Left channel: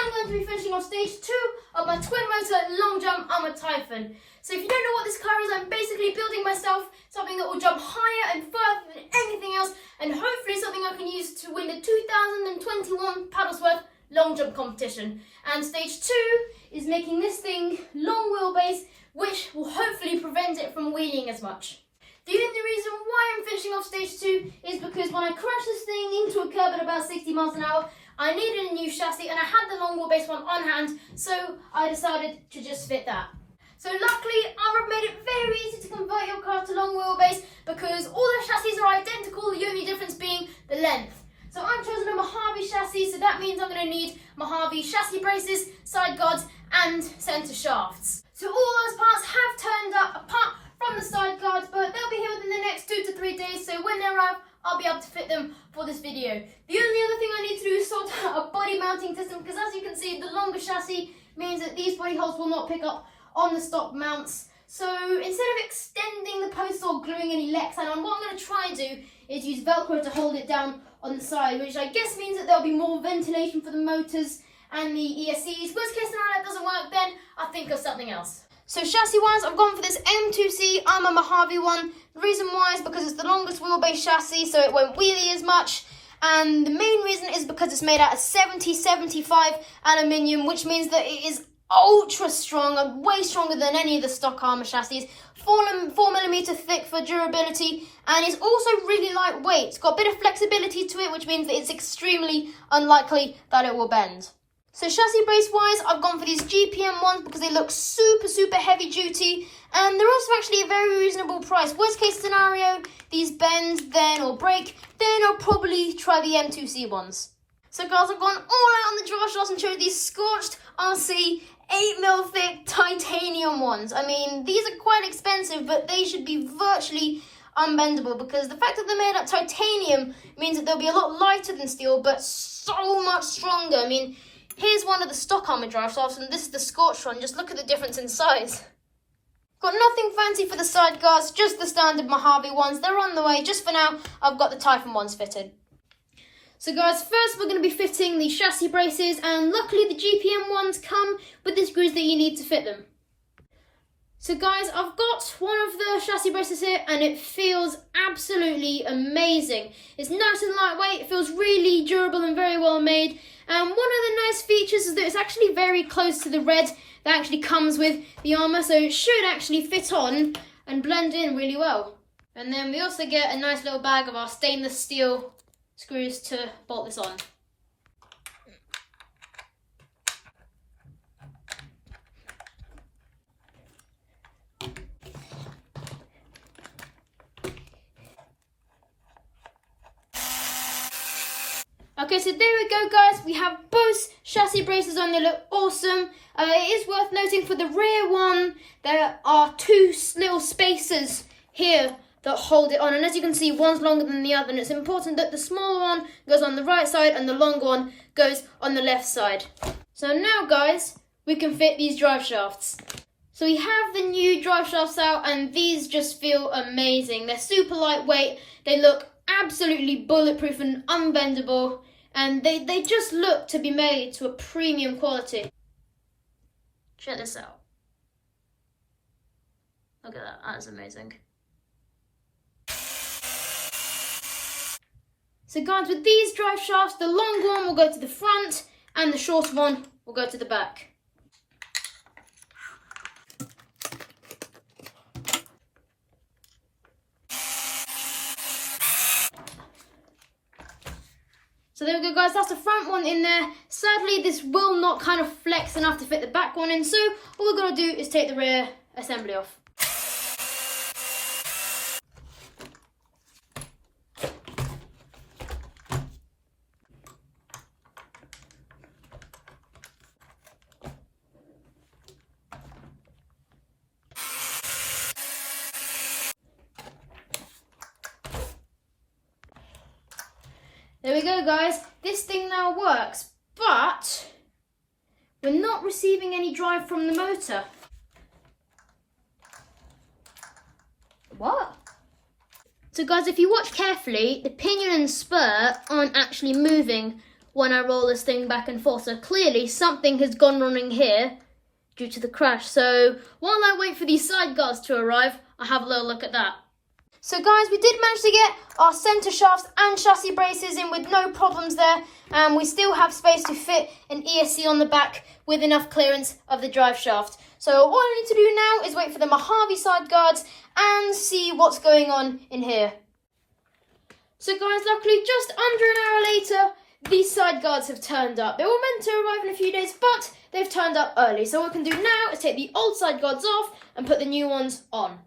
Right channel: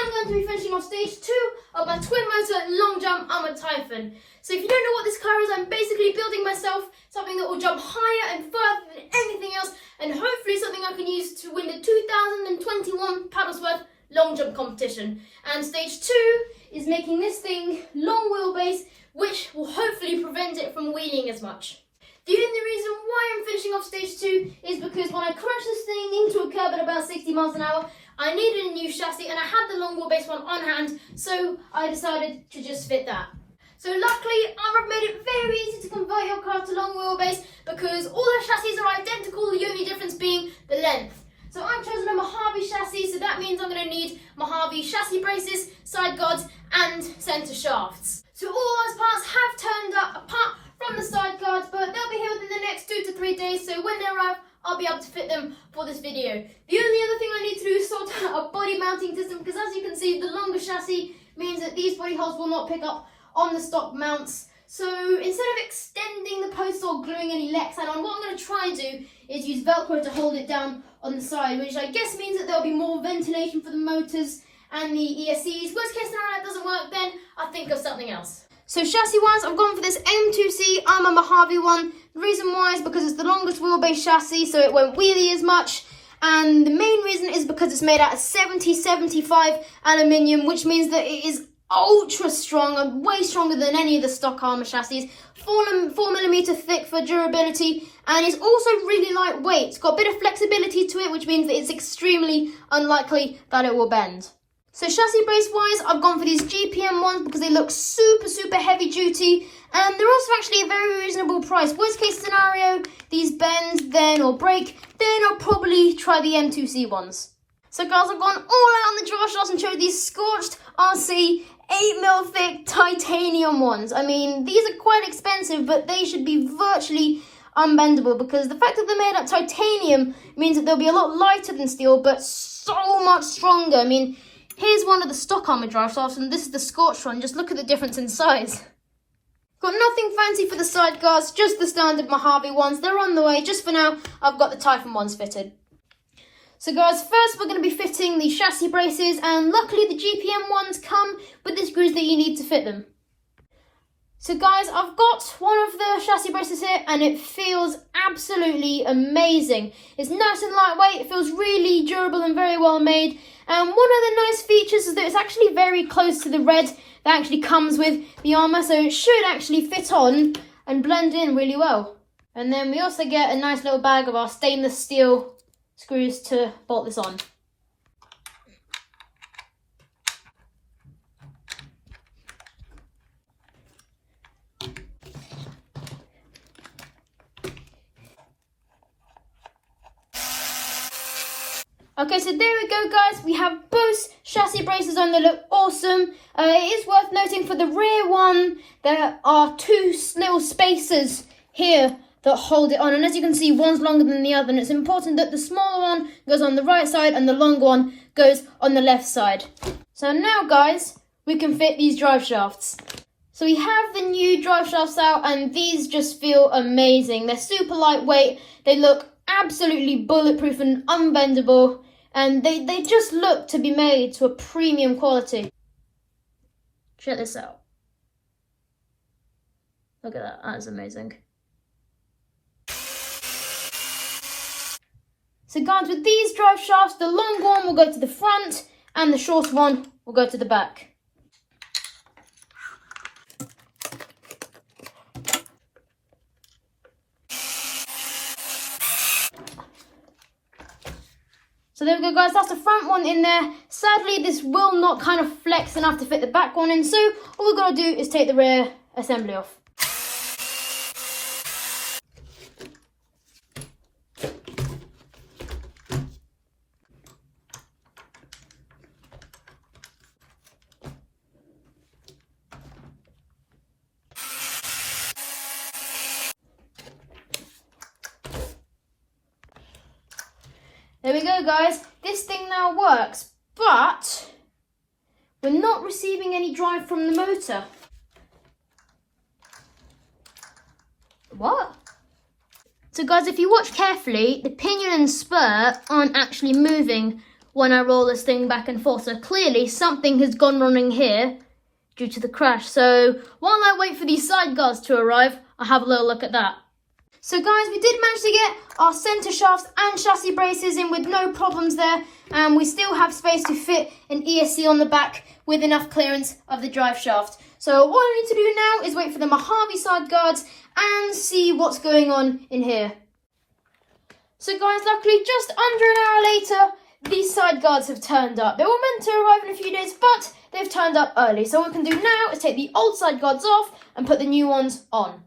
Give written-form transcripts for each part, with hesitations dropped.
I'm going to be finishing off stage 2 of my twin motor long jump Arrma Typhon. So if you don't know what this car is, I'm basically building myself something that will jump higher and further than anything else, and hopefully something I can use to win the 2021 Paddlesworth long jump competition. And stage 2 is making this thing long wheelbase, which will hopefully prevent it from wheeling as much. The only reason why I'm finishing off stage 2 is because when I crashed this thing into a curb at about 60 miles an hour, I needed a new chassis and I had the long wheelbase one on hand, so I decided to just fit that. So luckily, Arrma made it very easy to convert your car to long wheelbase because all the chassis are identical, the only difference being the length. So I've chosen a Mojave chassis, so that means I'm going to need Mojave chassis braces, side guards and centre shafts. So all those parts have turned up apart from the side guards, but they'll be here within the next 2 to 3 days, so when they arrive, I'll be able to fit them for this video. The only other thing I need to do is sort out a body mounting system, because as you can see, the longer chassis means that these body holes will not pick up on the stock mounts. So instead of extending the posts or gluing any Lexan on, what I'm going to try and do is use Velcro to hold it down on the side, which I guess means that there'll be more ventilation for the motors and the ESCs. Worst case scenario, that doesn't work, then I'll think of something else. So chassis-wise, I've gone for this M2C Arrma Mojave one. The reason why is because it's the longest wheelbase chassis, so it won't wheelie as much. And the main reason is because it's made out of 70-75 aluminium, which means that it is ultra strong and way stronger than any of the stock Arrma chassis. 4mm thick for durability, and it's also really lightweight. It's got a bit of flexibility to it, which means that it's extremely unlikely that it will bend. So chassis brace wise, I've gone for these GPM ones because they look super heavy duty, and they're also actually a very reasonable price. Worst case scenario, these bend then or break, then I'll probably try the M2C ones. So guys, I've gone all out on the drive shafts and chose these scorched RC 8mm thick titanium ones. I mean, these are quite expensive, but they should be virtually unbendable because the fact that they're made out of titanium means that they'll be a lot lighter than steel, but so much stronger. I mean, here's one of the stock Arrma drive shafts, and this is the scorched one. Just look at the difference in size. Got nothing fancy for the side guards, just the standard Mojave ones. They're on the way. Just for now, I've got the Typhon ones fitted. So guys, first we're going to be fitting the chassis braces, and luckily the GPM ones come with the screws that you need to fit them. So guys, I've got one of the chassis braces here, and it feels absolutely amazing. It's nice and lightweight, it feels really durable and very well made. And one of the nice features is that it's actually very close to the red that actually comes with the Arrma, so it should actually fit on and blend in really well. And then we also get a nice little bag of our stainless steel screws to bolt this on. Okay, so there we go guys, we have both chassis braces on, they look awesome. It is worth noting for the rear one, there are 2 little spacers here that hold it on, and as you can see, one's longer than the other, and it's important that the smaller one goes on the right side and the longer one goes on the left side. So now guys, we can fit these drive shafts. So we have the new drive shafts out, and these just feel amazing. They're super lightweight, they look absolutely bulletproof and unbendable, and they just look to be made to a premium quality. Check this out. Look at that, that's amazing. So guys, with these drive shafts, the long one will go to the front and the short one will go to the back. So there we go guys, that's the front one in there. Sadly, this will not kind of flex enough to fit the back one in, so all we're going to do is take the rear assembly off. There we go guys, this thing now works, but we're not receiving any drive from the motor. What? So guys, if you watch carefully, the pinion and spur aren't actually moving when I roll this thing back and forth. So clearly something has gone wrong here due to the crash. So while I wait for these side guards to arrive, I'll have a little look at that. So guys, we did manage to get our centre shafts and chassis braces in with no problems there. And we still have space to fit an ESC on the back with enough clearance of the drive shaft. So all I need to do now is wait for the Mojave side guards and see what's going on in here. So guys, luckily just under an hour later, these side guards have turned up. They were meant to arrive in a few days, but they've turned up early. So what we can do now is take the old side guards off and put the new ones on.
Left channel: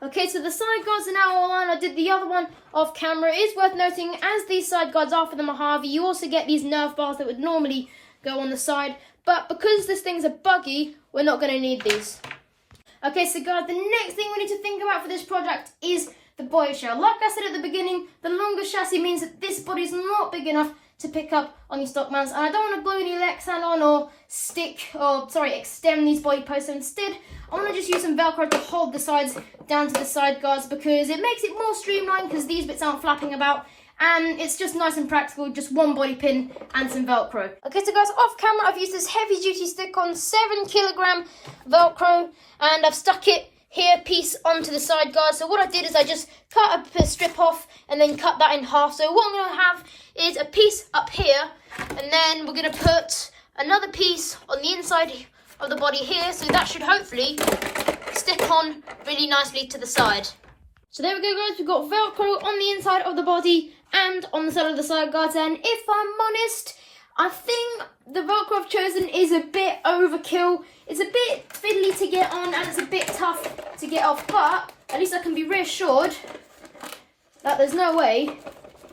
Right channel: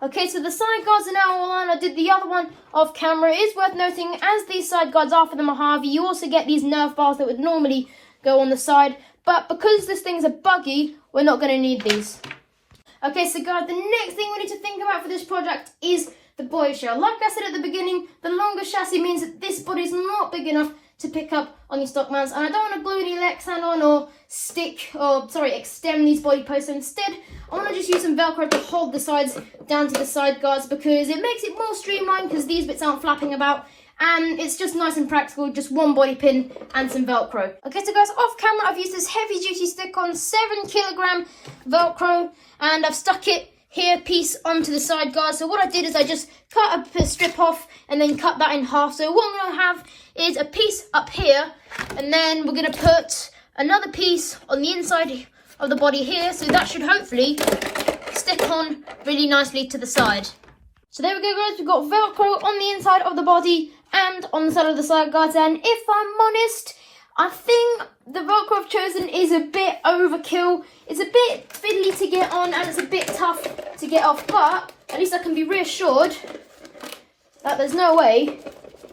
Okay, so the side guards are now all on. I did the other one off camera. It is worth noting, as these side guards are for the Mojave, you also get these nerf bars that would normally go on the side. But because this thing's a buggy, we're not going to need these. Okay, so guys, the next thing we need to think about for this project is the body shell. Like I said at the beginning, the longer chassis means that this body's not big enough to pick up on these stock mounts. And I don't want to glue any Lexan on or extend these body posts. So instead, I want to just use some Velcro to hold the sides down to the side guards because it makes it more streamlined because these bits aren't flapping about. And it's just nice and practical, just one body pin and some Velcro. Okay, so guys, off camera, I've used this heavy duty stick-on 7kg Velcro and I've stuck it here piece onto the side guard. So what I did is I just cut a strip off and then cut that in half. So what I'm going to have is a piece up here and then we're going to put another piece on the inside of the body here. So that should hopefully stick on really nicely to the side. So there we go guys, we've got Velcro on the inside of the body and on the side of the side guards, and if I'm honest, I think the Velcro I've chosen is a bit overkill. It's a bit fiddly to get on and it's a bit tough to get off, but at least I can be reassured that there's no way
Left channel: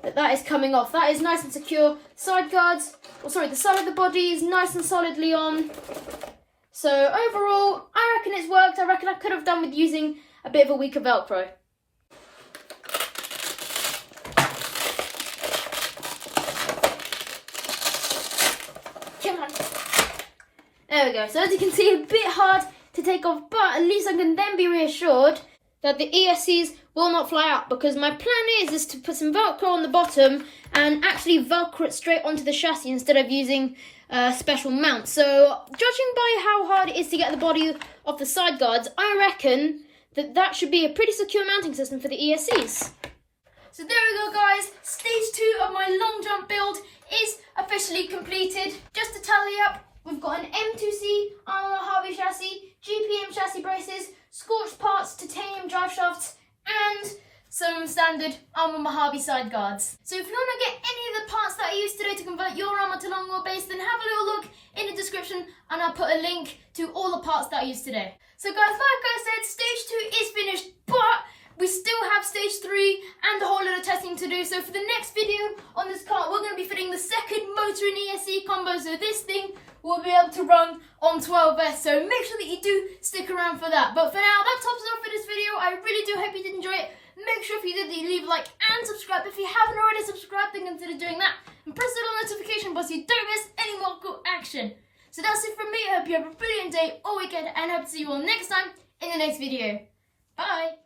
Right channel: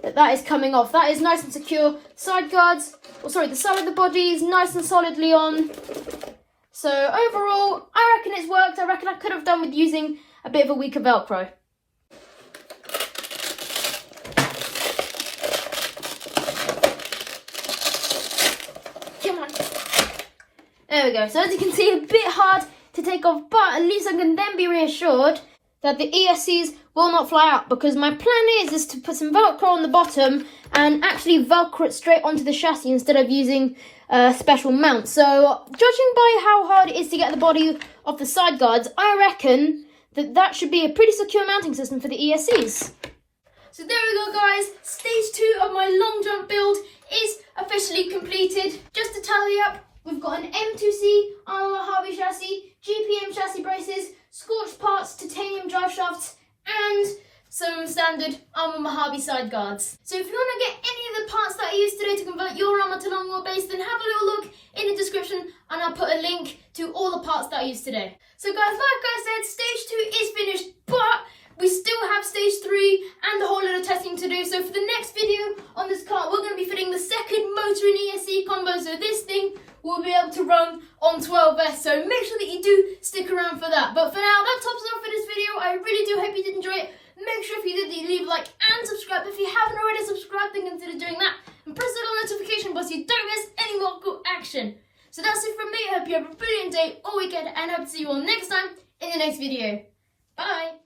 that is coming off. That is nice and secure. Side guards, the side of the body is nice and solidly on. So overall, I reckon it's worked. I reckon I could have done with using a bit of a weaker Velcro. Come on. There we go. So as you can see, a bit hard to take off, but at least I can then be reassured that the ESCs will not fly out, because my plan is to put some Velcro on the bottom and actually Velcro it straight onto the chassis instead of using special mounts. So judging by how hard it is to get the body off the side guards, I reckon that should be a pretty secure mounting system for the ESCs. So there we go guys, stage 2 of my long jump build is officially completed. Just to tally up, we've got an M2C Arrma Mojave chassis, GPM chassis braces, scorched parts, titanium drive shafts, and some standard Arrma Mojave side guards. So if you want to get any of the parts that I used today to convert your Arrma to long wheelbase, then have a little look in the description and I'll put a link to all the parts that I used today. So guys, like I said, stage 2 is finished, but we still have stage 3 and a whole lot of testing to do. So for the next video on this car, we're going to be fitting the second motor and ESC combo. So this thing will be able to run on 12S. So make sure that you do stick around for that. But for now, that tops it off for this video. I really do hope you did enjoy it. Make sure if you did that you leave a like and subscribe. If you haven't already subscribed, then consider doing that. And press the little notification button so you don't miss any more cool action. So that's it from me. I hope you have a brilliant day or weekend and I hope to see you all next time in the next video. Bye.